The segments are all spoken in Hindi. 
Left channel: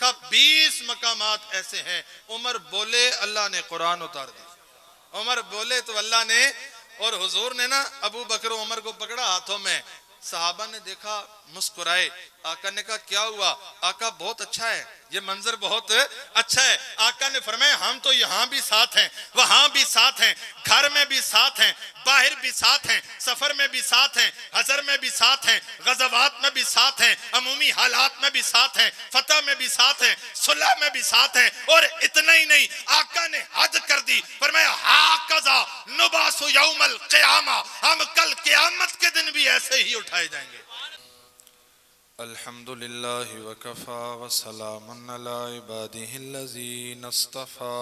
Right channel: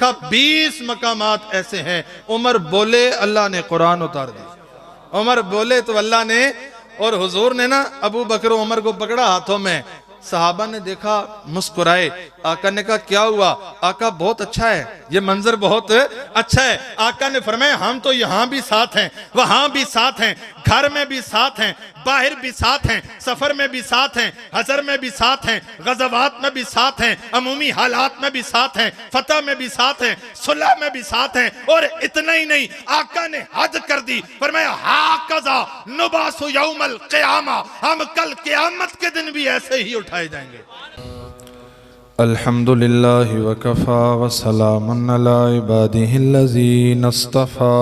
देखा 20 मकामात ऐसे हैं, उमर बोले अल्लाह ने कुरान उतार दी, उमर बोले तो अल्लाह ने, और हुजूर ने ना अबू बकर उमर को पकड़ा हाथों में, सहाबा ने देखा मुस्कुराए, आका ने कहा क्या हुआ? आका बहुत अच्छा है, ये मंजर बहुत अच्छा है। आका ने फरमाया हम तो यहाँ भी साथ हैं, वहां भी साथ हैं, घर में भी साथ हैं, बाहर भी साथ हैं, सफर में भी साथ हैं, हजर में भी साथ हैं, गज़वात में भी साथ हैं, अमूमी हालात में भी साथ हैं, फतह में भी साथ हैं, सुलह में भी साथ हैं। और इतना ही नहीं, आका ने हद कर दी, फरमाया हाकज़ा नुबासु यौमल क़ियामा, हम कल क़यामत के दिन भी ऐसे ही उठाए जाएंगे। अल्हम्दुलिल्लाहि व कफ़ा व सलामुन अला इबादिहिल्लज़ीना इस्तफ़ा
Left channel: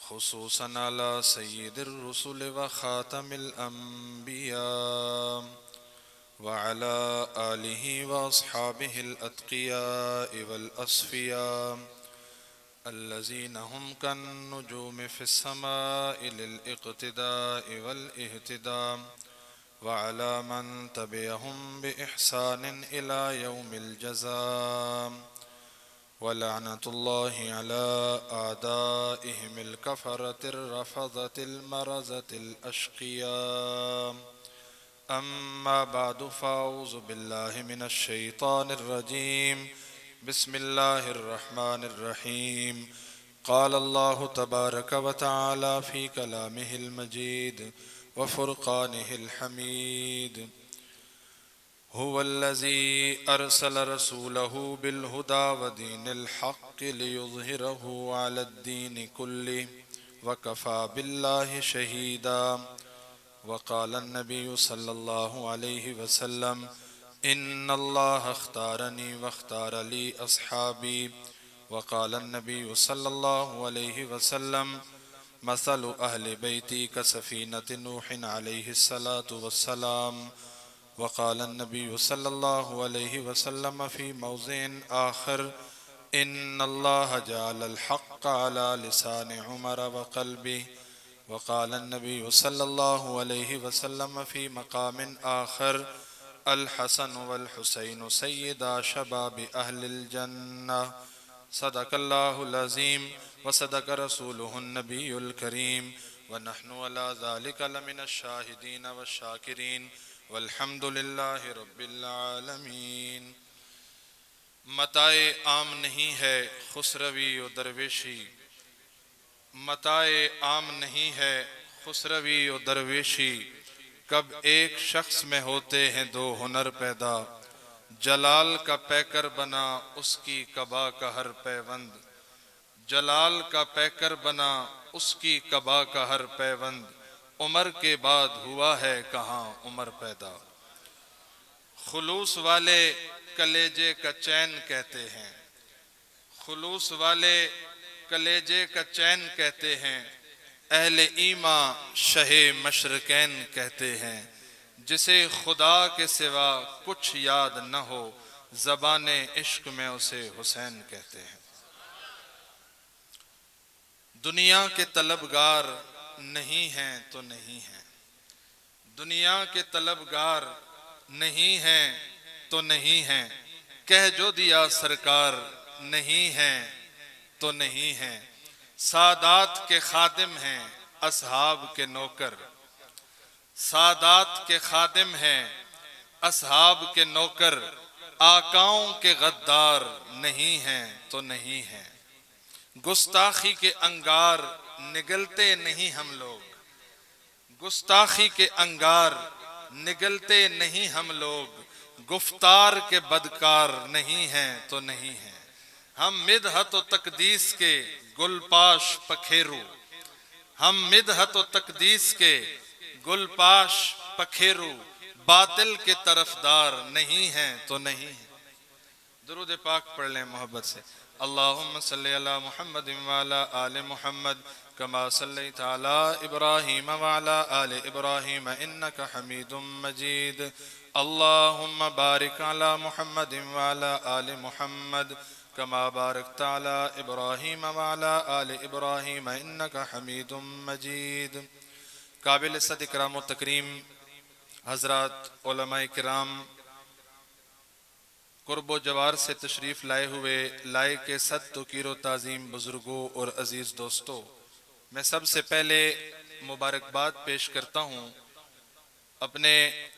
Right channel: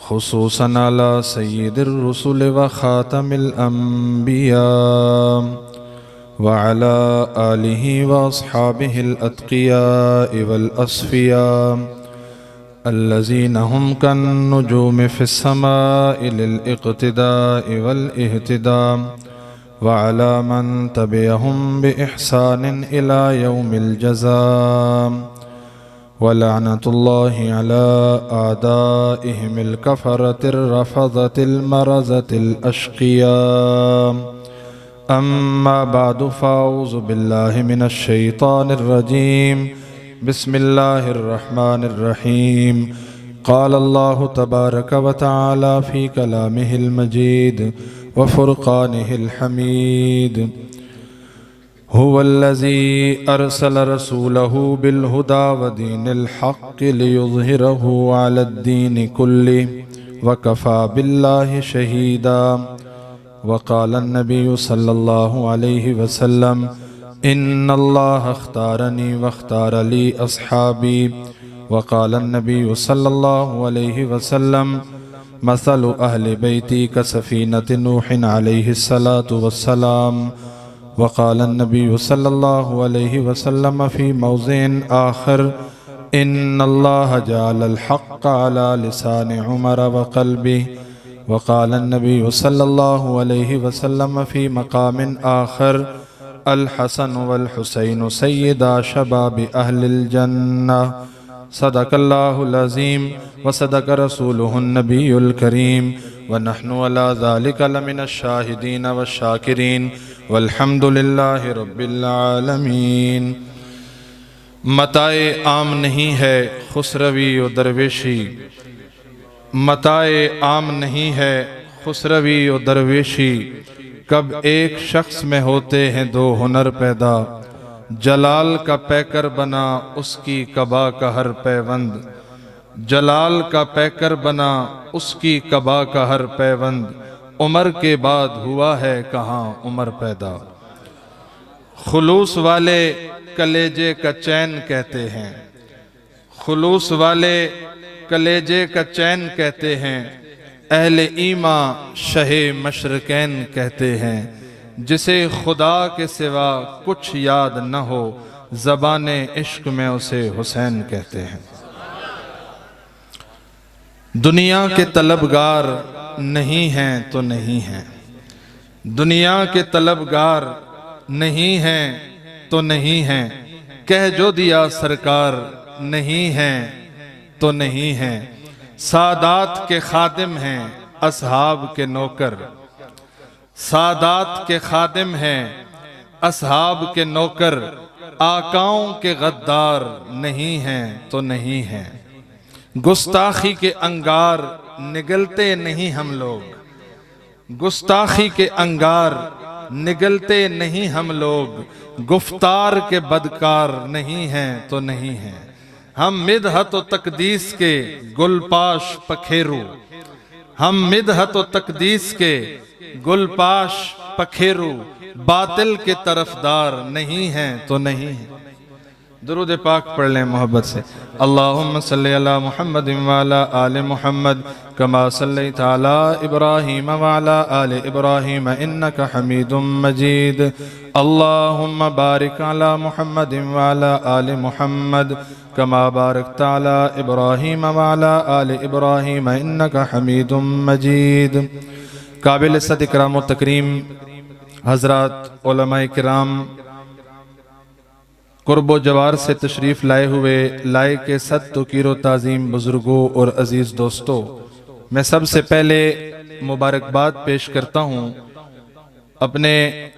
खुसूसन अला सय्यिदिर रुसुल व ख़ातमिल अंबिया व अला आलिहि व अस्हाबिहिल अत्क़िया वल अस्फ़िया अल्लज़ीना हुम कन्नुजूमि फ़िस समाइ लिल इक़्तिदाइ वल इह्तिदा व अला मन तबिअहुम बिइहसानिन इला यौमिल जज़ा व लअनतुल्लाहि अला आदाइहिमिल कफ़रतिर रफ़ज़तिल मरज़तिल अश्क़िया अम्मा बअदु फ़अऊज़ु बिल्लाहि मिनश शैतानिर रजीम बिस्मिल्लाहिर रहमानिर रहीम क़ाल अल्लाहु तबारक व तआला फ़ी कलामिहिल मजीद व फ़ुरक़ानिहिल हमीद हुवल्लज़ी अरसल रसूलहु बिलहुदा व दीनिल हक़्क़ि लियुज़हिरहु अलद्दीनि कुल्लिहि व कफ़ा बिल्लाहि शहीदा व क़ाला नबिय्यु सल्लल्लाहु अलैहि वसल्लम इन्नल्लाह अख़्तारनी व अख़्तार ली अस्हाबी व क़ाला नबिय्यु सल्लल्लाहु अलैहि वसल्लम मसलु अहलि बैती कसफ़ीनति नूहिन अलैहिस्सलातु वस्सलाम व क़ाला नबिय्यु सल्लल्लाहु अलैहि वसल्लम फ़ी मौज़िन आख़िर इन्नल्लाह जअलल हक़्क़ अला लिसानि उमर व क़ल्बिहि व क़ाला नबिय्यु सल्लल्लाहु अलैहि वसल्लम फ़ी मक़ामिन आख़िर अल हसन वल हुसैन सय्यदा शबाबि अहलिल जन्नह सदक़ल्लाहुल अज़ीम व सदक़ रसूलुहुन नबियुल करीम व नहनु अला ज़ालिका लमिनश शाहिदीन व शाकिरीन वल्हम्दुलिल्लाहि रब्बिल आलमीन। मताए आम नहीं है खुसरवी व दरवेशी, मताए आम नहीं है खुसरवी व दरवेशी, कब एक शख्स में होते हैं दो हुनर पैदा, जलाल का पैकर बना उसकी कबा का हर पैवंद, जलाल का पैकर बना उसकी कबा का हर पैवंद, उमर के बाद हुआ है कहाँ उमर पैदा। खुलूस वाले कलेजे का चैन कहते हैं, खुलूस वाले कलेजे का चैन कहते हैं, अहले ईमा शहे मशरकैन कहते हैं, जिसे खुदा के सिवा कुछ याद न हो ज़बाने इश्क में उसे हुसैन कहते हैं। दुनिया के तलबगार नहीं हैं तो नहीं हैं, दुनिया के तलबगार नहीं हैं तो नहीं हैं, कह जो दिया सरकार नहीं हैं तो नहीं हैं। सादात के खादिम हैं असहाब के नौकर, सादात के खादिम हैं असहाब के नौकर, आकाओं के गद्दार नहीं हैं तो नहीं हैं। गुस्ताखी के अंगार निगलते नहीं हम लोग, गुस्ताखी के अंगार निगलते नहीं हम लोग, गुफ्तार के बदकार नहीं हैं तो नहीं हैं। हम मिदहत व तकदीस के गुलपाश पखेरू, हम मिदहत व तकदीस के गुलपाश पखेरू, बातिल के तरफदार नहीं हैं तो नहीं हैं। दुरूद पाक पढ़ लें मोहब्बत से। अल्लाहुम्मा सल्लि अला मुहम्मद व अला आले मुहम्मद कमा सल्लैता अला इब्राहीम व अला आले इब्राहीम इन्नका हमीदुम मजीद। अल्लाहुम्मा बारिक अला मुहम्मद व अला आले मुहम्मद कमा बारकता अला इब्राहीम व अला आले इब्राहीम इन्नका हमीदुम मजीद। काबिल इज़्ज़त इकराम व तकरीम हज़रात उलमाए किराम, कुर्बो जवार से तशरीफ़ लाए हुए लाए के सद तो कीरो ताज़ीम बुज़ुर्गों और अज़ीज़ दोस्तों, मैं सबसे पहले मुबारकबाद पेश करता हूँ अपने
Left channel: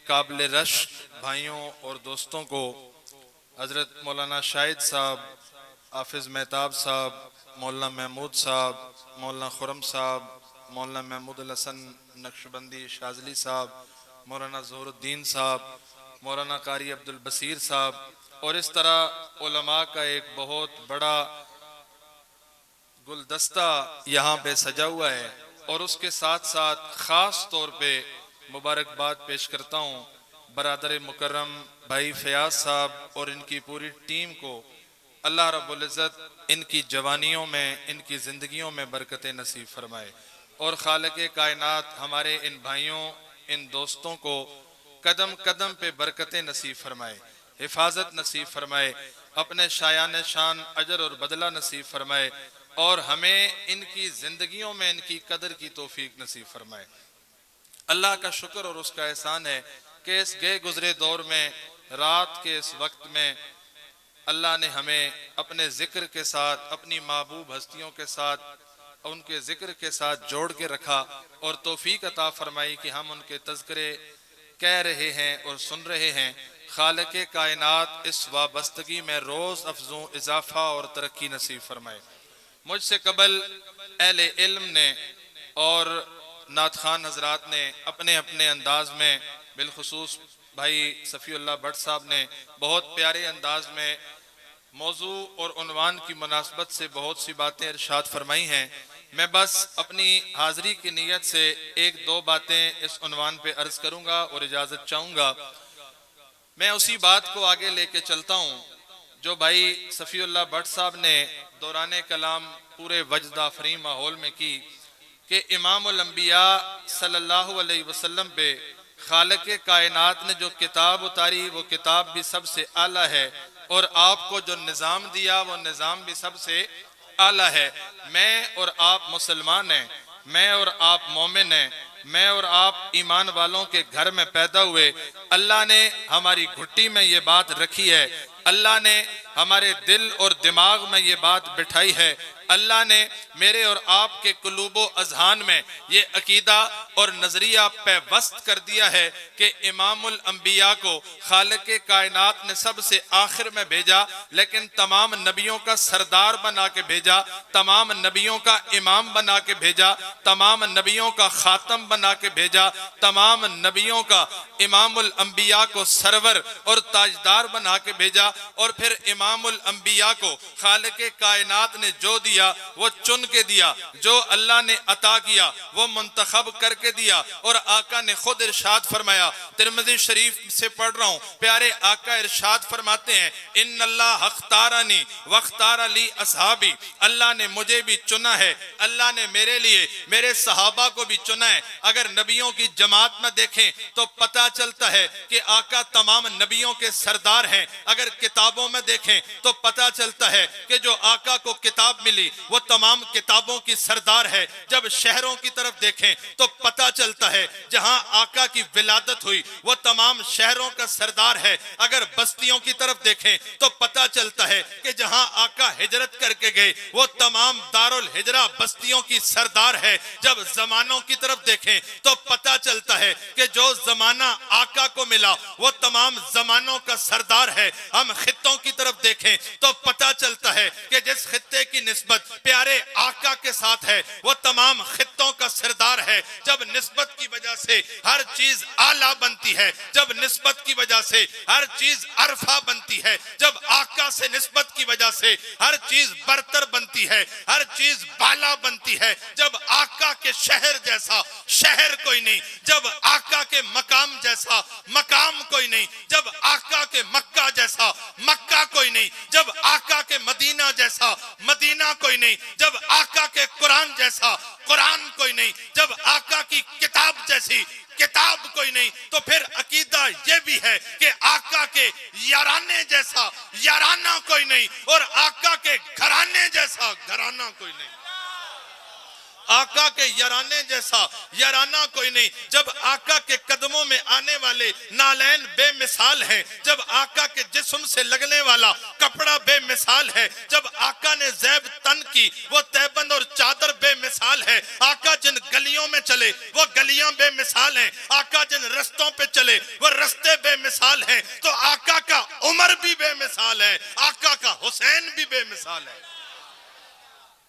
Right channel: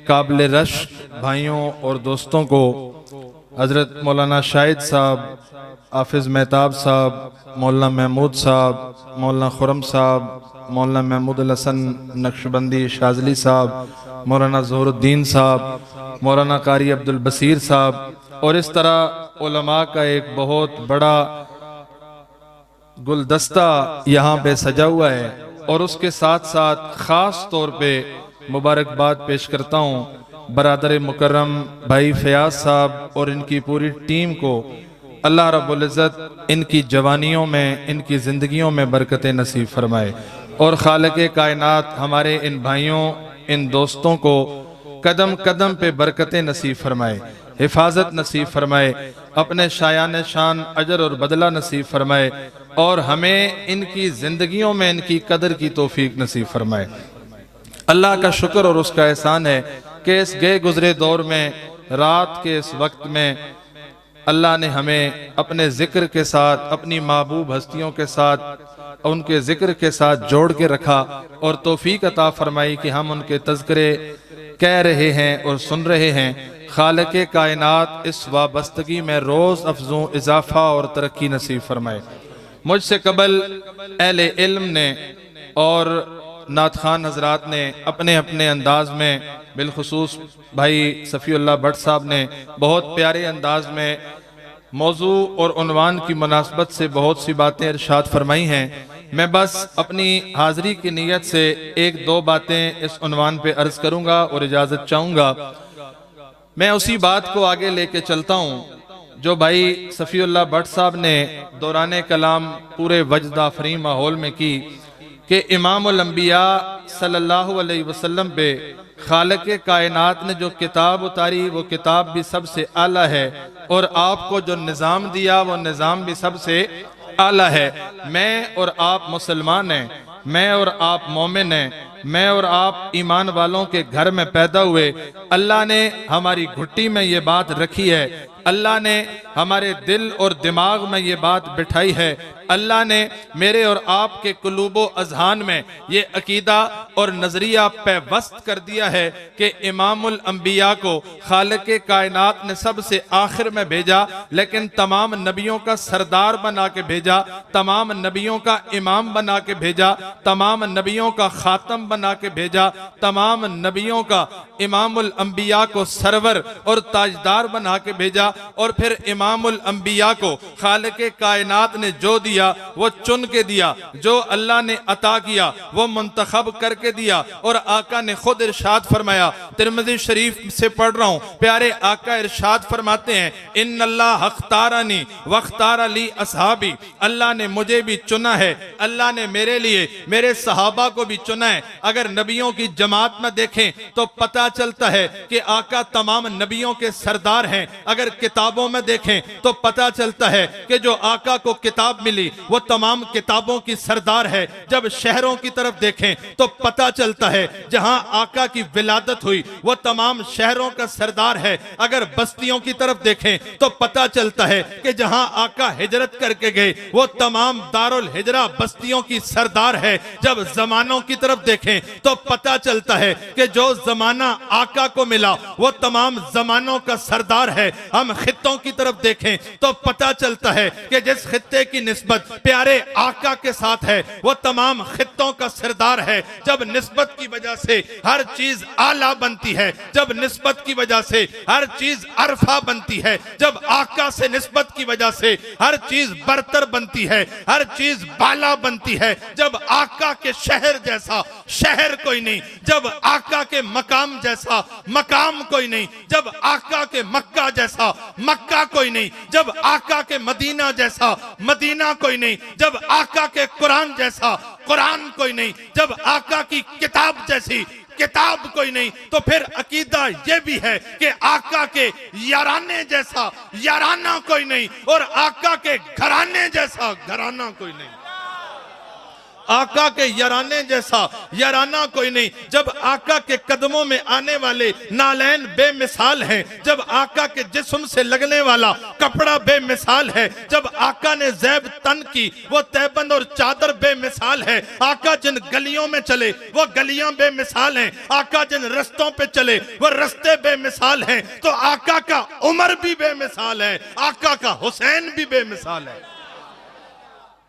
काबिल रश्क भाइयों और दोस्तों को, हज़रत मौलाना शाहिद साहब, हाफिज़ मेहताब साहब, मौलाना महमूद साहब, मौलाना खुरम साहब, मौलाना महमूद हसन नक्शबंदी शाज़ली साहब, मौलाना ज़हुरुद्दीन साहब, मौलाना कारी अब्दुल बसीर साहब, और इस तरह उलमा का एक बहुत बड़ा गुलदस्ता यहाँ पे सजा हुआ है। और उसके साथ साथ ख़ास तौर पे मुबारकबाद पेश करता हूँ बरादर मुकर्रम भाई फयाज साहब और इनकी पूरी टीम को। अल्लाह रब्बुल इज़्ज़त इनकी जवानियों में, इनकी ज़िंदगियों में बरकतें नसीब फरमाए और खालिक़े कायनात हमारे इन भाइयों, इन दोस्तों को कदम कदम पे बरकतें नसीब फरमाए, हिफाजत नसीब फरमाए, अपने शायान शान अजर और बदला नसीब फरमाए और हमें इनकी ज़िंदगियों में इनकी कदर की तौफीक नसीब फरमाए। अल्लाह का शुक्र और उसका एहसान है कि इस गए गुजरे दौर में, रात के इस वक्त में अल्लाह ने हमें अपने ज़िक्र के साथ, अपनी महबूब हस्तियों के साथ, उनके ज़िक्र के साथ जोड़ के रखा और तौफीक अता फरमाई कि हम उनके तज़किरे कह रहे हैं और सुन रहे हैं। खालिक़े कायनात इस वाबस्तगी में रोज़ अफजों इजाफा और तरक्की नसीब फरमाए। मुझसे कबल अहले इल्म ने और नात खान हजरात ने अपने अपने अंदाज में, बिलखुसूस भाई सफ़ीउल्लाह भट्ट साहब ने बहुत प्यारे अंदाज में मौजू और उन्वान की मुनासबत से बहुत सी बातें इरशाद फरमाई हैं। मैं बस अपनी हाज़री की नीयत से एक दो बातें इस उन्वान पे अर्ज़ करूँगा और इजाज़त चाहूँगा। मैं उसी बात को आगे लेके चलता हूँ जो भाई सफ़ीउल्लाह भट्ट साहब ने दौराने कलाम पूरे वजद आफरी माहौल में की कि इमामुल अंबिया सल्लल्लाहु अलैहि वसल्लम पे खालिक़े कायनात ने जो किताब उतारी वो किताब भी सबसे आला है और आपको जो निज़ाम दिया वो निज़ाम भी सबसे आला है। मैं और आप मुसलमान हैं, मैं और आप मोमिन हैं, मैं और आप ईमान वालों के घर में पैदा हुए। अल्लाह ने हमारी घुट्टी में ये बात रखी है, अल्लाह ने हमारे दिल और दिमाग में ये बात बिठाई है, अल्लाह ने मेरे और आपके कुलूबो अजहान में ये अकीदा और नजरिया पैवस्त कर दिया है कि इमामुल अंबिया को खालिक़े कायनात ने सबसे आखिर में भेजा, लेकिन तमाम नबियों का सरदार बना के भेजा, तमाम नबियों का इमाम बना के भेजा, तमाम नबियों का खातम बना के भेजा, तमाम नबियों का इमामुल अंबिया को सरवर और ताजदार बना के भेजा। और फिर इमामुल अंबिया को खालिक़े कायनात ने जो दिया वो चुन के दिया, जो अल्लाह ने अता किया वो मुंतखब करके दिया। और आका ने खुद इरशाद फरमाया, तिरमिज़ी शरीफ से पढ़ रहा हूँ, प्यारे आका इरशाद फरमाते हैं, इन्नल्लाह अख्तारनी वख्तार ली असहाबी, अल्लाह ने मुझे भी चुना है, अल्लाह ने मेरे लिए मेरे सहाबा को भी चुना है। अगर नबियों की जमात में देखें तो पता चलता है कि आका तमाम नबियों के सरदार हैं। अगर किताबों में देखें तो पता चलता है कि जो आका को किताब मिली वो तमाम किताबों की सरदार है। जब शहरों की तरफ देखें तो पता चलता है जहां आका की विलादत हुई वो तमाम शहरों का सरदार है। अगर बस्तियों की तरफ देखें तो पता चलता है कि जहां आका हिजरत करके गए वो तमाम दारुल हिजरा बस्तियों की सरदार है। जब जमानों की तरफ देखें तो पता चलता है कि जो जमाना आका को मिला वो तमाम जमानों का सरदार है। हम खित्तों की तरफ देखें तो पता चलता है कि जिस खित्ते की निस्बत प्यारे आका के साथ है वो तमाम खित्तों का सरदार है। जब निस्बत की वजह से हर चीज आला बनती है, जब निस्बत की वजह से हर चीज अरफा बनती है, जब आका से निस्बत की वजह से हर चीज बरतर बनती है, हर चीज बाला बनती है। जब आका के शहर जैसा शहर कोई नहीं, जब आका के मकाम जैसा मकाम कोई नहीं, जब आका के मक्का जैसा मक्का कोई नहीं, जब आका के मदीना जैसा मदीना कोई नहीं, जब आका के कुरान जैसा कुरान कोई नहीं, जब आका की किताब जैसी किताब कोई नहीं, तो फिर अकीदा ये भी है कि आका के याराने जैसा याराना कोई नहीं और आका के घराने जैसा घराना कोई नहीं। आका के याराने जैसा याराना कोई नहीं। जब आका के कदमों में आने वाले नालैन बेमिसाल हैं, जब आका के जिस्म से लगने वाला कपड़ा बेमिसाल है, जब आका ने ज़ैब तन की वो तैबंद और चादर बेमिसाल है, आका जिन गलियों में चले वो गलियां बेमिसाल हैं, आका जिन रस्तों पे चले वो रस्ते बेमिसाल हैं, तो आका का उमर भी बेमिसाल है, आका का हुसैन भी बेमिसाल है।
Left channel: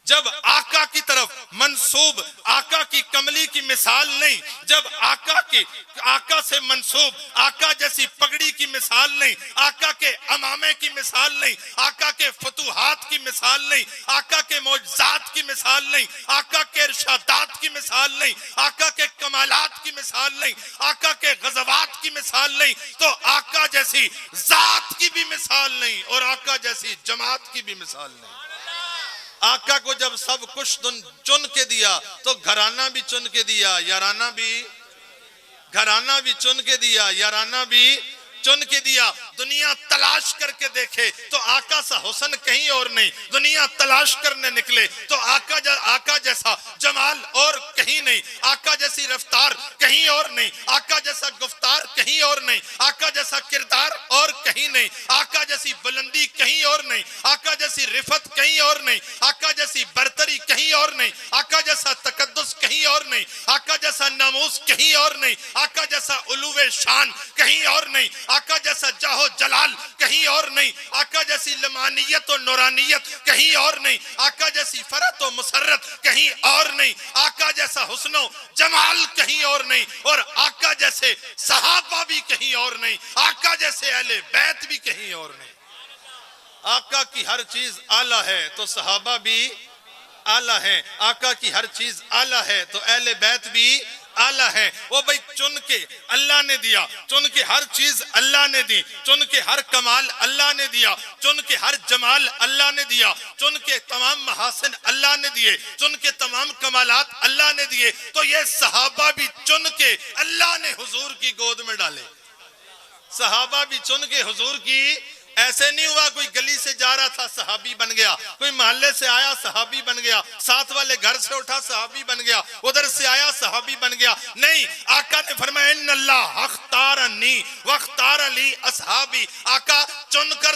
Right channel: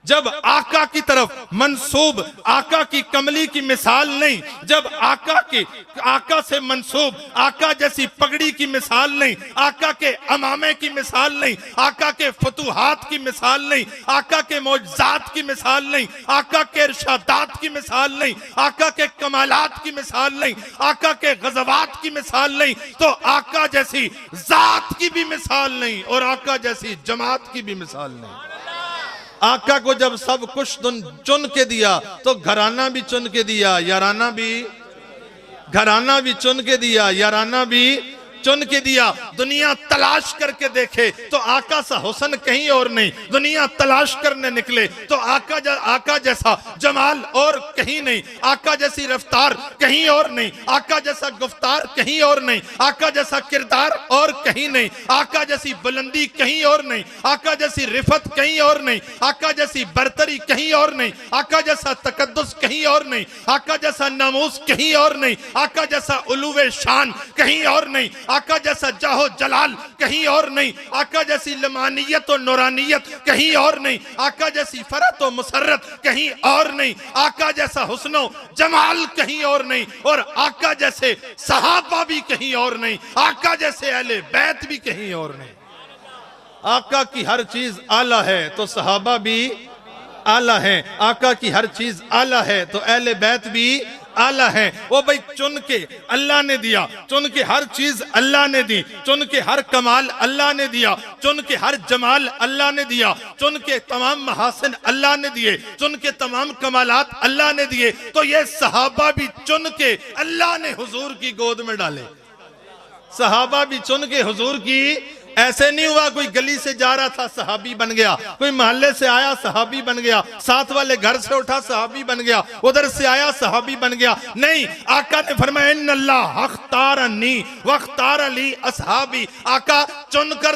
जब आका की तरफ मंसूब आका की कमली की मिसाल नहीं, जब आका से मंसूब आका जैसी पगड़ी की मिसाल नहीं, आका के अमामे की मिसाल नहीं, आका के फतूहात की मिसाल नहीं, आका के मौजज़ात की मिसाल नहीं, आका के इरशादात की मिसाल नहीं, आका के कमालात की मिसाल नहीं, आका के गज़वात की मिसाल नहीं, तो आका जैसी जात की भी मिसाल नहीं और आका जैसी जमात की भी मिसाल नहीं। आका को जब सब कुछ चुन के दिया तो घराना भी चुन के दिया, याराना भी चुन के दिया, याराना भी चुन के दिया। दुनिया तलाश करके देखे तो आका सा हुस्न कहीं और नहीं, दुनिया तलाश करने निकले तो आका जैसा जमाल और कहीं नहीं, आका जैसी रफ्तार कहीं और नहीं, आका जैसा गुफ्तार कहीं और नहीं, आका जैसा किरदार और कहीं नहीं, आका जैसी बुलंदी कहीं और नहीं, आका जैसी रिफत कहीं और नहीं, आका जैसी बरतरी कहीं और नहीं, आका जैसा तकद्दुस कहीं और नहीं, आका जैसा नामूस कहीं और नहीं, आका जैसा उलूवे शान कहीं और नहीं, आका जैसा जाहो जलाल कहीं और नहीं, आका जैसी लमानियत और नूरानियत कहीं और नहीं, आका जैसी फरत और मुसर्रत कहीं और नहीं, आका जैसा हुस्नो जमाल कहीं और नहीं, और आका जैसे सहाबा भी कहीं और नहीं, आका जैसे अहले बैत भी कहीं और नहीं। आका की हर चीज आला है तो सहाबा भी आला है, आका की हर चीज आला है तो अहले बैत भी आला है। वो भाई चुन के अल्लाह ने दिया, चुन के हर चीज अल्लाह ने दी, चुन के हर कमाल अल्लाह ने दिया, चुन के हर जमाल अल्लाह ने दिया, चुन के तमाम महासिन अल्लाह ने दिए, चुन के तमाम कमालात अल्लाह ने दिए, तो ये सहाबा भी चुन के अल्लाह ने हुजूर की गोद में डाले। सहाबा भी चुन के हुजूर की, ऐसे नहीं हुआ कोई गली से जा रहा था सहाबी बन गया, कोई मोहल्ले से आया सहाबी बन गया, साथ वाले घर से उठा सहाबी बन गया, उधर से आया सहाबी बन गया। नहीं, आका ने फरमाया इन्नल्लाह अख्तारनी वख्तार अली असहाबी। आका चुनकर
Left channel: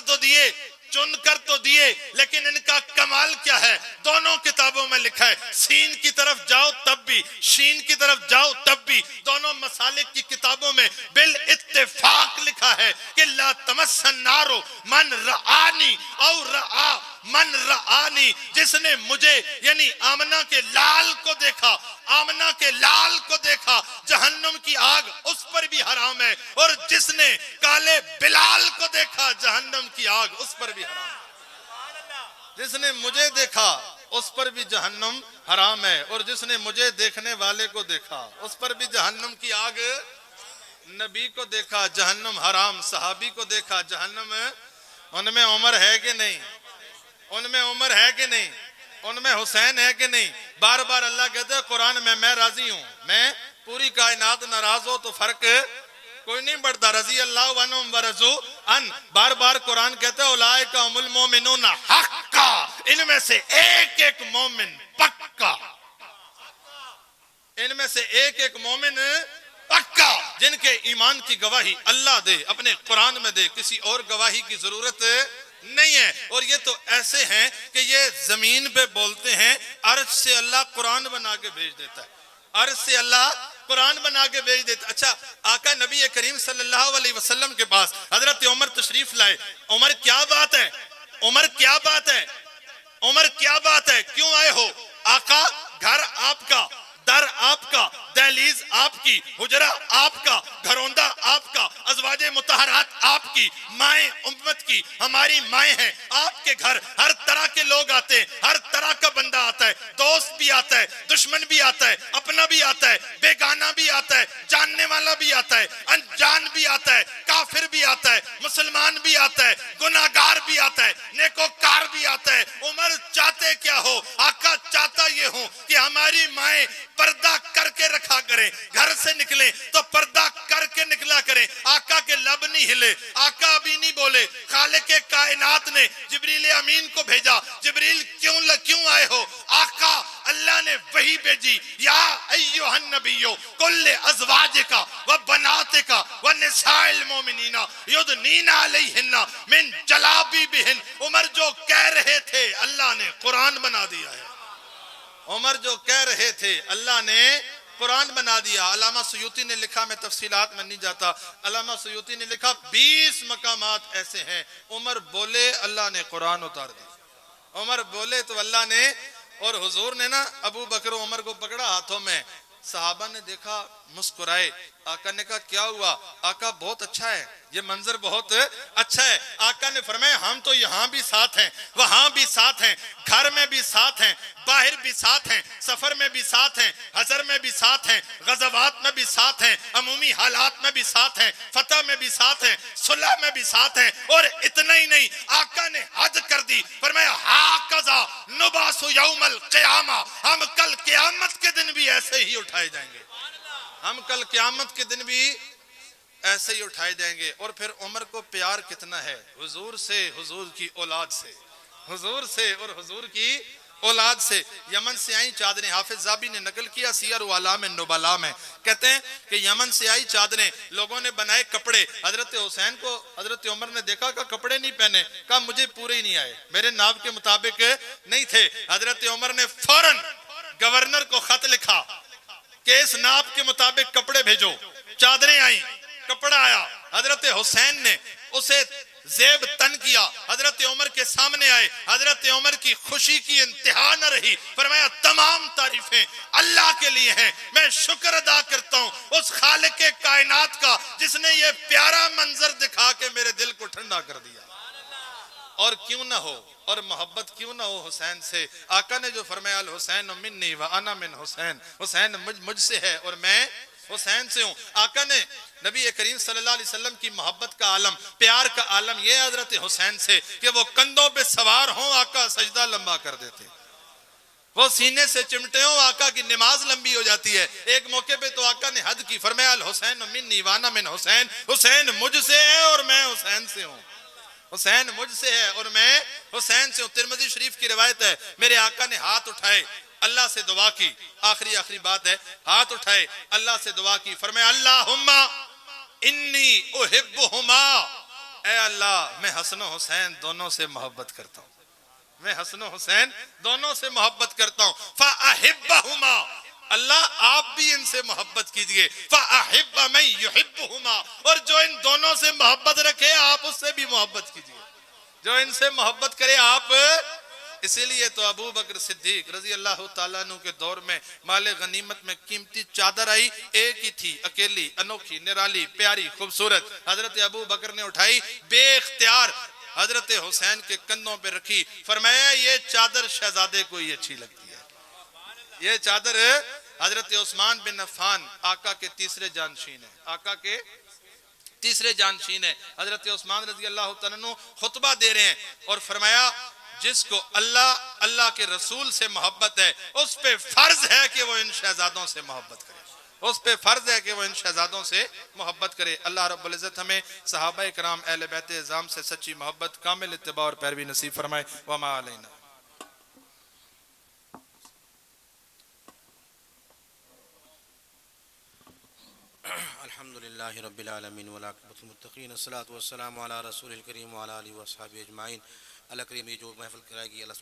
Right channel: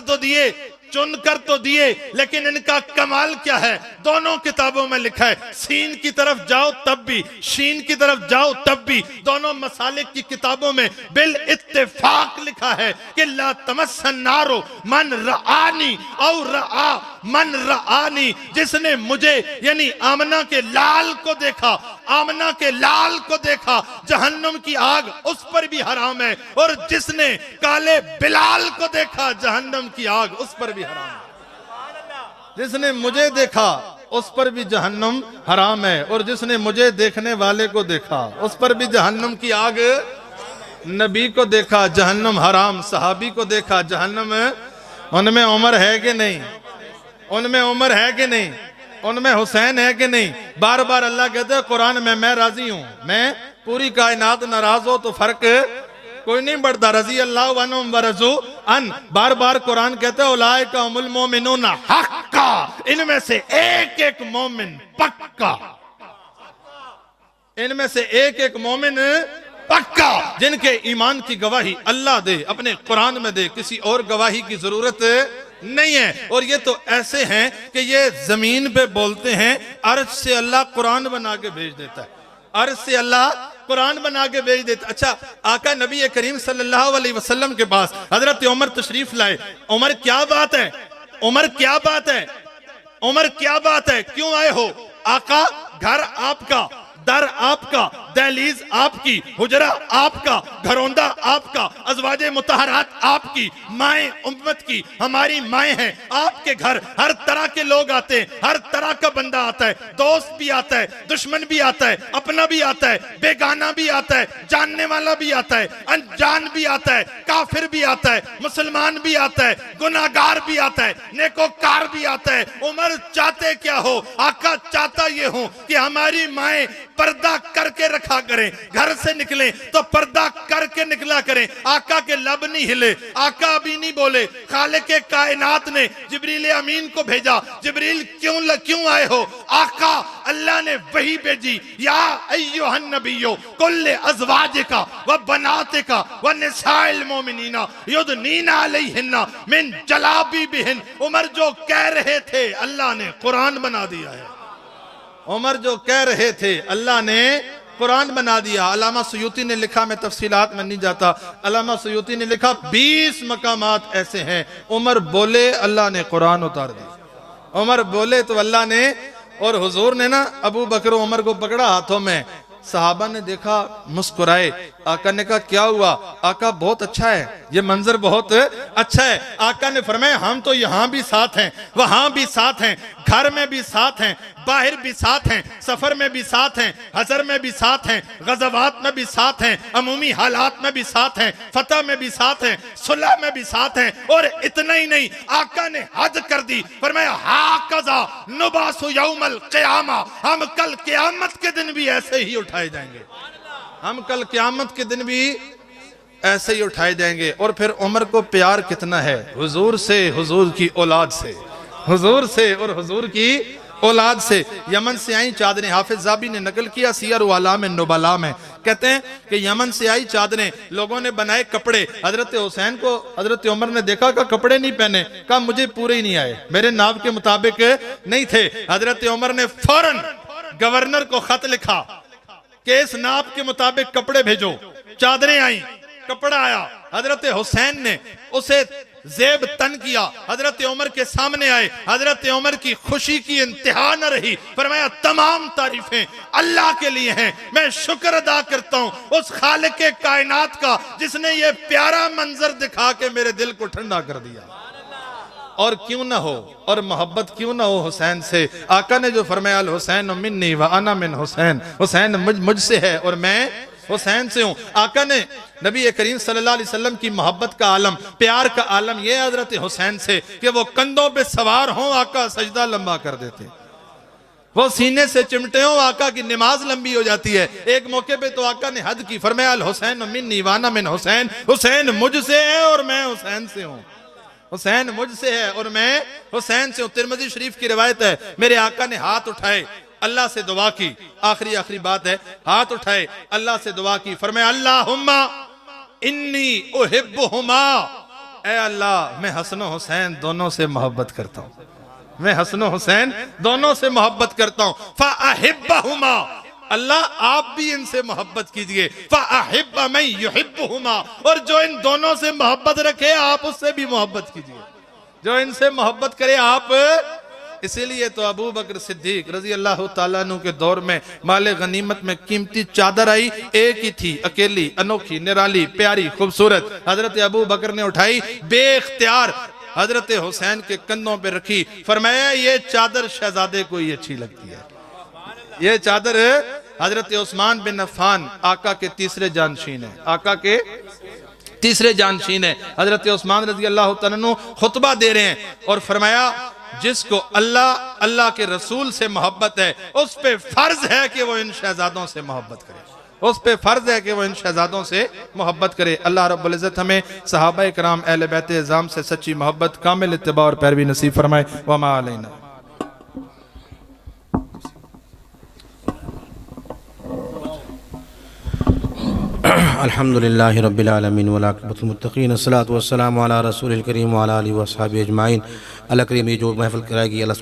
तो दिए, लेकिन इनका कमाल क्या है? दोनों किताबों में लिखा है, सीन की तरफ जाओ तब भी, शीन की तरफ जाओ तब भी, दोनों मसालिक की किताबों में बिल इत्तेफाक लिखा है कि ला तमस्सन नारो मन रआनी और रआ मन रआनी। जिसने मुझे यानी आमना के लाल को देखा, आमना के लाल को देखा, जहन्नम की आग उस पर भी हराम है, और जिसने काले बिलाल को देखा, जहन्नम की आग उस पर भी हराम है। जिसने मुझे देखा उस पर भी जहन्नम हराम है, और जिसने मुझे देखने वाले को देखा उस पर भी जहन्नम की आग। नबी को देखा जहन्नम हराम, सहाबी को देखा जहन्नम। उनमें उमर है कि नहीं? उनमें उमर है कि नहीं? उनमें हुसैन है कि नहीं? बार बार अल्लाह कहते हैं कुरान में, मैं राजी हूं, मैं पूरी कायनात नाराज हो तो फर्क कोई नहीं बढ़ता, रजी अल्लाह अन्हुम व रज़ू अन। बार बार कुरान कहता है उलाइका हुमुल मोमिनून हक्का, इनमें से एक एक मोमिन पक्का, इनमें से एक एक मोमिन पक्का, जिनके ईमान की गवाही अल्लाह दे, अपने कुरान में दे, किसी और गवाही की जरूरत नहीं है। और ये तो ऐसे हैं कि ये जमीन पे बोलते हैं, अर्श से अल्लाह कुरान बना के भेज देता है, अर्श से अल्लाह कुरान बना के भेज देता। अच्छा, आका नबी करीम सल्लल्लाहु अलैहि वसल्लम के पास हजरत उमर तशरीफ लाए। उमर क्या बात है? उमर क्या बात है? उमर क्या बात है? क्यों आए हो? आका घर आपका, दर आपका, दहलीज आपकी, हुजरा आपका, घरौंदा आपका, अज़वाजे मुतहरात आपकी, माएं उम्मत की, हमारी माएं हैं। आपके घर हर तरह के लोग आते हैं, हर तरह का बंदा आता है, दोस्त भी आता है, दुश्मन भी आता है, अपना भी आता है, बेगाना भी आता है, जानने वाला भी आता है, अनजान भी आता है, काफिर भी आता है, मुसलमान भी आता है, गुनाहगार भी आता है, नेकोकार भी आता है। उमर चाहते क्या हो? आका चाहता ये हो कि हमारी माएं पर्दा करके रखा करें, घर से निकले तो पर्दा करके निकला करें। आका के लब नहीं हिले, आका अभी नहीं बोले, खालिक कायनात ने जिब्रील अमीन को भेजा, जिब्रील क्यों आए हो? आका अल्लाह ने वही भेजी, या अय्युहन नबियो कुल्ले अज़वाजिका व बनातिका व निसाइल मोमिनीना युदनीना अलैहिन्ना मिन जलाबिबिहिन। उमर जो कह रहे थे अल्लाह ने कुरान बना दिया है। उमर जो कह रहे थे अल्लाह ने कुरान बना दिया। अल्लामा सुयूती ने लिखा, मैं तफसीलात में नहीं जाता, अल्लामा सुयूती ने लिखा 20 मकामात ऐसे हैं उमर बोले अल्लाह ने कुरान उतार दी। उमर बोले तो अल्लाह ने, और हुजूर ने ना अबू बकर उमर को पकड़ा हाथों में, सहाबा ने देखा मुस्कुराए। आका ने कहा क्या हुआ? आका बहुत अच्छा है, ये मंजर बहुत अच्छा है। आका ने फरमाया हम तो यहाँ भी साथ हैं, वहां भी साथ हैं, घर में भी साथ हैं, बाहर भी साथ हैं, सफर में भी साथ हैं, हजर में भी साथ हैं, गज़वात में भी साथ हैं, अमूमी हालात में भी साथ हैं, फतह में भी साथ हैं, सुलह में भी साथ हैं। और इतना ही नहीं, आका ने हद कर दी, फरमाया हाकज़ा नुबासु यौमल क़ियामा, हम कल क़यामत के दिन भी ऐसे ही उठाए जाएंगे, हम कल क़यामत के दिन भी ऐसे ही उठाए जाएंगे। और फिर उमर को प्यार कितना है हुजूर से, हुजूर की औलाद से, हुजूर से और हुजूर की औलाद से। यमन से आई चादरें, हाफिज ज़ाबी ने नकल किया सियर वालाम नुबला में, कहते हैं कि यमन से आई चादरें, लोगों ने बनाए कपड़े। हजरत हुसैन को हजरत उमर ने देखा कि कपड़े नहीं पहने, कहा मुझे पूरे ही नहीं आए, मेरे नाप के मुताबिक नहीं थे। हजरत उमर ने फौरन गवर्नर को खत लिखा कि इस नाप के मुताबिक कपड़े भेजो। चादरें आई, कपड़ा आया, हजरत हुसैन ने उसे जेब तन किया, हजरत उमर के सामने आए। हजरत उमर की खुशी की इंतहा न रही, फरमाया तमाम तारीफें अल्लाह के लिए हैं, मैं शुक्र अदा करता हूं उस खालिक के कायनात का जिसने ये प्यारा मंजर दिखा के मेरे दिल को ठंडा कर दिया। और क्यों ना हो, और मोहब्बत क्यों ना हो हुसैन से। आका ने जो फरमाया अल हुसैन मिन्नी व अना मिन हुसैन, हुसैन मुझसे है और मैं हुसैन से हूं। आका ने नबी करीम सल्लल्लाहु अलैहि वसल्लम की मोहब्बत का आलम, प्यार का आलम ये हजरत हुसैन से कि वो कंधों पे सवार हों, आका सजदा लंबा कर देते, वो सीने से चिमटे हो, आका की नमाज लंबी हो जाती है। एक मौके पे तो आका ने हद की, फरमाया अल हुसैन मिन्नी व अना मिन हुसैन, हुसैन मुझसे है और मैं हुसैन से हूं, हुसैन मुझसे है और मैं हुसैन से हूं। तिरमिज़ी शरीफ की रिवायत है, मेरे आका ने हाथ उठाए, अल्लाह से दुआ की, आखिरी बात है, हाथ उठाए अल्लाह से दुआ की, फरमाया अल्लाहुम्मा इन्नी उहिब्बुहुमा, ऐ अल्लाह मैं हसन हुसैन दोनों से मोहब्बत करता हूं, मैं हसन हुसैन दोनों से मोहब्बत करता हूं। फ़अहिब्बहुमा, अल्लाह आप भी इनसे मोहब्बत कीजिए। फ़अहिब्ब मन युहिब्बुहुमा, और जो इन दोनों से मोहब्बत रखे आप उससे भी मोहब्बत कीजिए, जो इनसे मोहब्बत करे आप। इसीलिए तो अबू बकर सिद्दीक रजी अल्लाह ताला अन्हु के दौर में माले गनीमत में कीमती चादर आई, एक ही थी, अकेली, अनोखी, निराली, प्यारी, खूबसूरत। हजरत अबू बकर ने उठाई, बेख्तियार हजरत हुसैन के कंधों पे रखी, फरमाया ये चादर शहजादे को ही अच्छी लगती है, ये चादर हजरत उस्मान बिन अफ़्फ़ान आका के तीसरे जानशीन है, आका के तीसरे जानशीन है। हजरत उस्मान रजी अल्लाह तआला अन्हु खुतबा दे रहे हैं और फरमाया जिसको अल्लाह के रसूल से मोहब्बत है उस पे फर्ज है कि वो इन शहजादों से मोहब्बत करे, उस पे फर्ज है कि वो इन शहजादों से मोहब्बत करे। अल्लाह रब्बुल इज़्ज़त हमें सहाबा इकराम अहले बैत इज़ाम से सच्ची मोहब्बत, कामिल इत्तिबा और पैरवी नसीब फरमाए। व मा अलैना। अल्हम्दुलिल्लाहि रब्बिल आलमीन वल आक़िबतुल मुत्तक़ीन, अस्सलातु वस्सलामु अला रसूलिल करीम व अला आलिहि व अस्हाबिहि अजमाइन। अल्लाह करीम ये जो महफ़िल कराएगी अल्लाह